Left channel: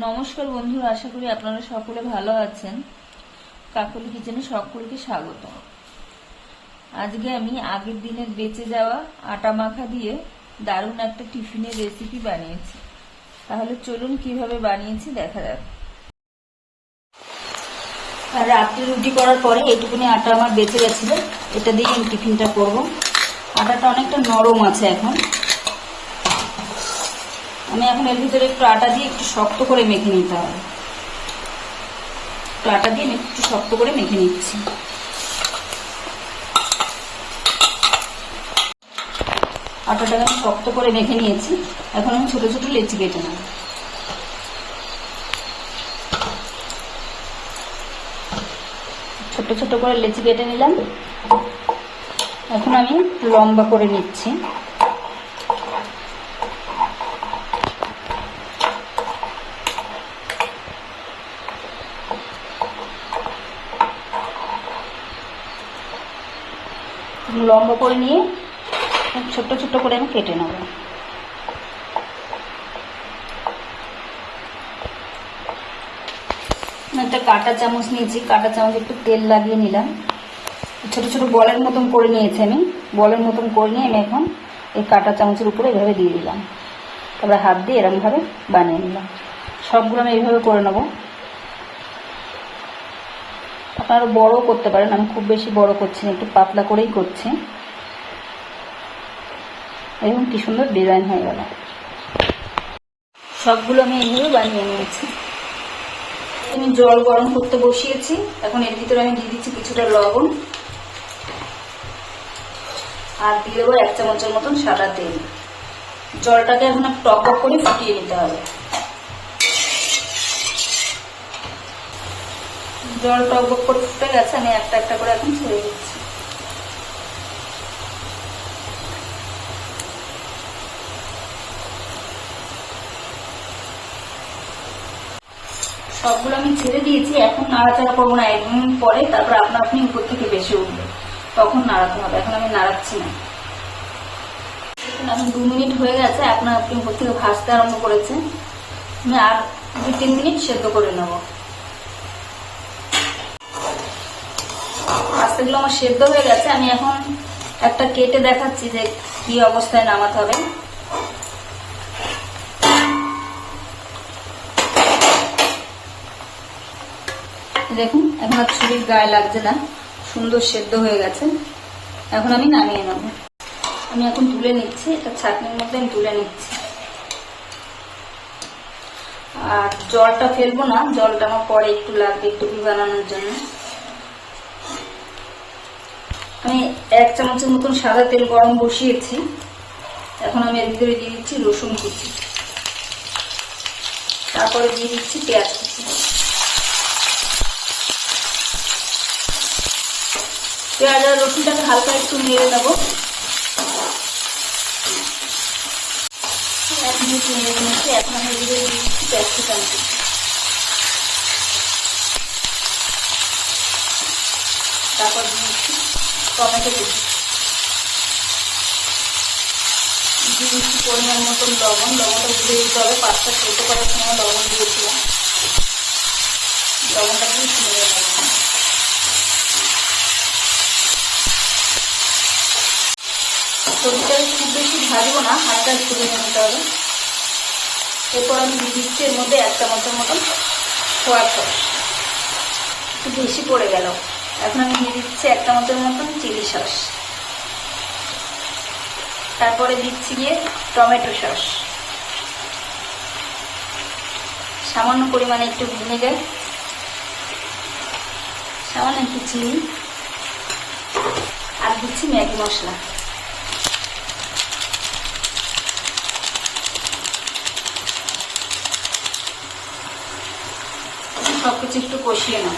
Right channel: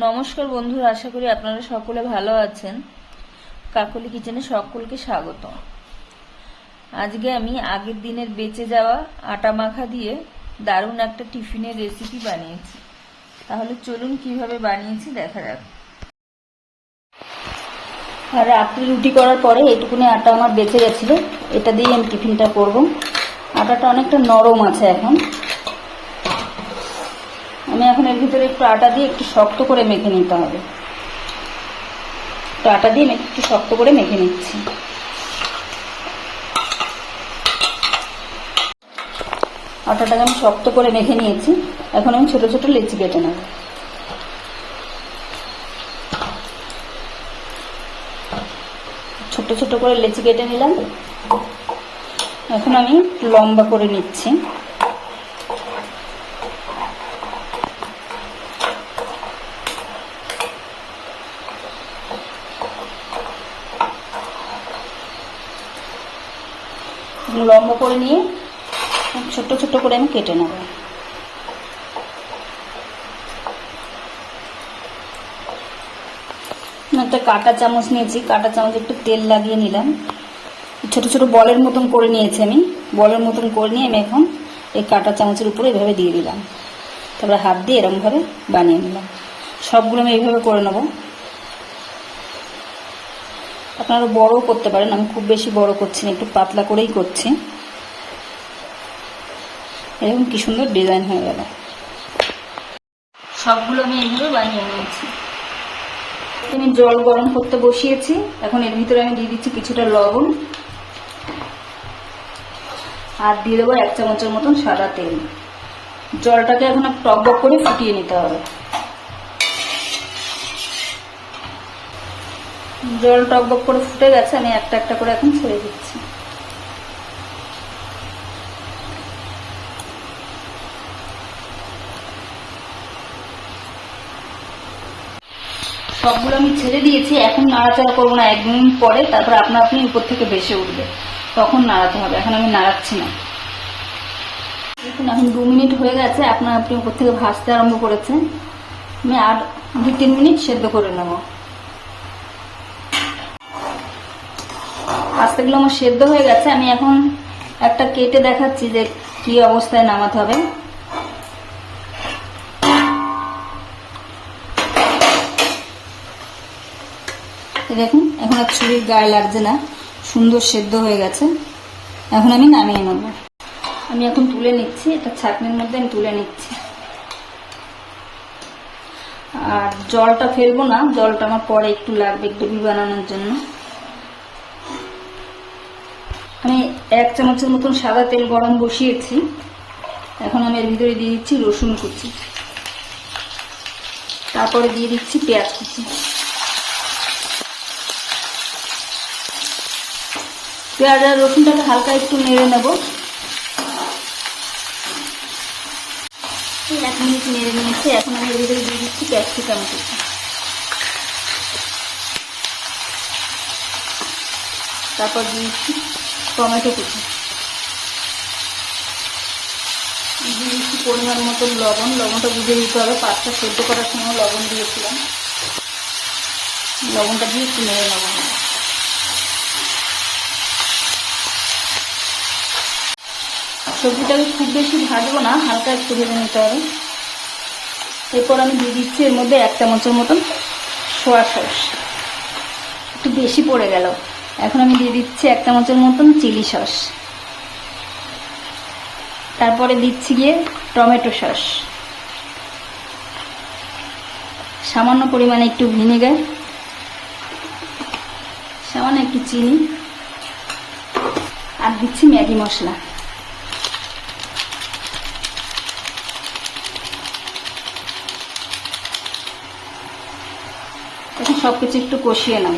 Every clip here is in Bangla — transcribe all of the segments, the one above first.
নমস্কার বন্ধুরা, আশা করি আপনারা সকলে ভালো আছেন। কাকলি কিচেনে সকলকে স্বাগত। আজকে আমি আগের দিনের বেঁচে যাওয়া আটা মাখা দিয়ে দারুণ একটা টিফিনের রেসিপি বানিয়েছি। তাহলে চলুন কিভাবে বানিয়েছি দেখা যাক। আর রাত্রি রুটি করার পরে এইটুকুনি আটা আমার বেঁচে গেছিল, এটা দিয়ে আমি টিফিনটা করব। আটাটা অনেকটা নরম আছে এখন। আমি এখন এর ভিতরে একটু আটা দিয়ে একটু শক্ত করে মেখে নিতে হবে। তো আটা দিয়ে একটু শক্ত করে মেখে নিচ্ছি। আটাটা আমি শক্ত করে মেখে নিয়েছি। এখন আমি ছোট ছোট লেচি কেটে নেব। ছোট ছোট করে লেচি কেটে নিলাম। এখন আমি লম্বা করে নিচ্ছি। লম্বা করে নিয়ে ছোট ছোট করে আমি কেটে নেব। একটা কাঁটা চামচ নিয়েছি, কাঁটা চামচ একটু তেল লাগিয়ে নিলাম। ছোট ছোট বলের মতন করে নিয়েছি আমি। বলের মতন করে নিয়ে আমি এখন এই কাঁটা চামচের উপরে এভাবে দিয়ে দিলাম। তারপরে হাত দিয়ে এরকমভাবে বানিয়ে নিলাম। সবগুলো আমি এইভাবে করে নেব। আপনারা বড়ও করতে পারেন, আমি খুব বেশি বড় করছি না, একটু পাতলা করেই করছি। এরকম কি সুন্দর ডিজাইন হয়ে গেল। সবগুলো আমি এইভাবে বানিয়ে নিয়েছি। আমি জল গরম করতে বসিয়েছি। এখন এর ভিতরে আমি দিয়ে দিচ্ছি কিছুটা লবণ, আর দিয়ে দেবো 1 চামচের মতন সাদা তেল। জলটাকে এখন টকবক করে ফুটিয়ে নিতে হবে। জল টকবক করে ফুটে গেছে, আমি একটা একটা করে এখন ছেড়ে দিচ্ছি। সবগুলো আমি ছেড়ে দিয়েছি। এখন নাড়াচাড়া করবো না, 1 মিনিট পরে তারপর আপনা আপনি উপর থেকে বেশি উঠবে, তখন নাড়াতে হবে। এখন আমি নাড়াচ্ছি না। দেখুন এখন 2 মিনিট হয়ে গেছে, আপনার আপনি উপর থেকে ভাজতে আরম্ভ করেছেন। আমি আর 2-3 মিনিট সেদ্ধ করে নেব। পাস্তাগুলো আমার সেদ্ধ হয়ে গেছে। আমি এখন একটা কেটে দেখাচ্ছি যে কি অবস্থায় নামাতে হবে। দেখুন এখন আর ছুরির গায়ে লাগছে না, সুন্দর সেদ্ধ হয়ে গেছে। এখন আমি নামিয়ে নেব। আমি এখন তুলে নিচ্ছি, একটা ছাঁকনির মধ্যে আমি তুলে নিচ্ছি। আর জলটা ফেলবো না, জলটা আমার পরে একটু লাগবে গ্রেভি বানানোর জন্য। আমি 1 চামচের মতন সাদা তেল গরম বসিয়েছি। এখন আমি এর ভিতরে দিয়ে দিচ্ছি রসুন কুচি, তারপরে দিয়ে দিচ্ছি পেঁয়াজ কুচি। পেঁয়াজ আর রসুনটাকে হালকা একটু নেড়ে নেব। 1 মিনিট নেড়ে নিচ্ছি। এখন আমি এর ভিতরে দিয়ে দিচ্ছি ক্যাপসিকাম কুচি, তারপর দিয়ে দিচ্ছি টমেটো কুচি, দিয়ে দিচ্ছি পরিমাণ মতন লবণ। লবণটা বুঝে দিতে হবে, পাঁচটা সেদ্ধ করার সময় লবণ দিয়েছিলাম। লবণটা দিয়ে একটু নেড়ে নেব। সবজিটাকে খুব বেশি ভাজবো না, হালকা একটু ভেজে নিতে হবে। এরপর আমি দিয়ে দিচ্ছি এর মধ্যে 1 চামচের মতন সোয়া সস, একটু বেশি পড়ে গেল। এখন আমি দিয়ে দিচ্ছি 1 চামচের মতন চিলি সস, তারপরে দিচ্ছি গিয়ে টমেটো সস, সামান্য পরিমাণে একটু ভিনেগার, সামান্য একটু চিনি, আর দিচ্ছি ম্যাগি মশলা। সবকিছু একটু কষিয়ে নেব।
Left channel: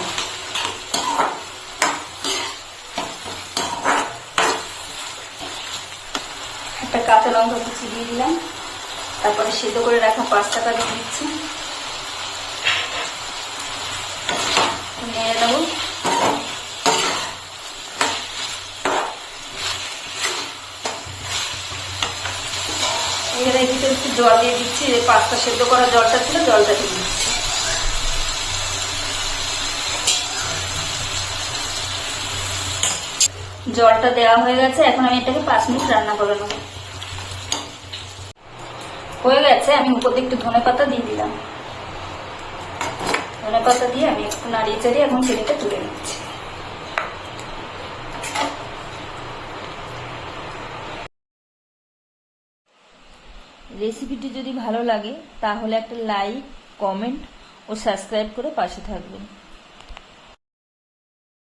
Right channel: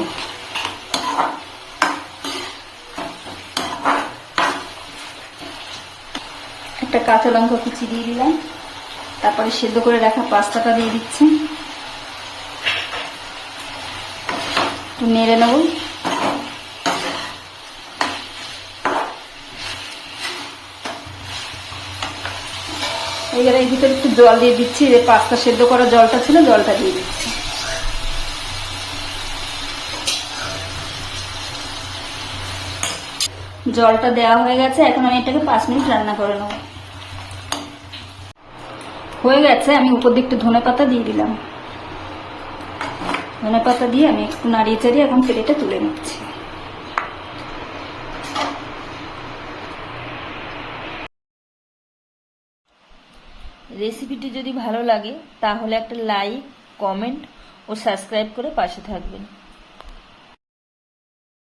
একটা কাঁচা লঙ্কা কুচি দিয়ে দিলাম, তারপরে সেদ্ধ করে রাখা পাস্তাটা দিয়ে দিচ্ছি, নেড়ে নেব। এবার এর ভিতরে একটু জল দিয়ে দিচ্ছি, যে পাস্তা সেদ্ধ করা জলটা ছিল জলটা দিয়ে দিচ্ছি। জলটা দেওয়া হয়ে গেছে, এখন আমি এটাকে 5 মিনিট রান্না করে নেবো। হয়ে গেছে, আমি উপর দিকে একটু ধনে পাতা দিয়ে দিলাম। ধনে পাতা দিয়ে আমি একটু নাড়িয়ে চাড়িয়ে এখন চিড়েটা তুলে নিচ্ছি। রেসিপিটি যদি ভালো লাগে তাহলে একটা লাইক, কমেন্ট ও সাবস্ক্রাইব করে পাশে থাকবেন।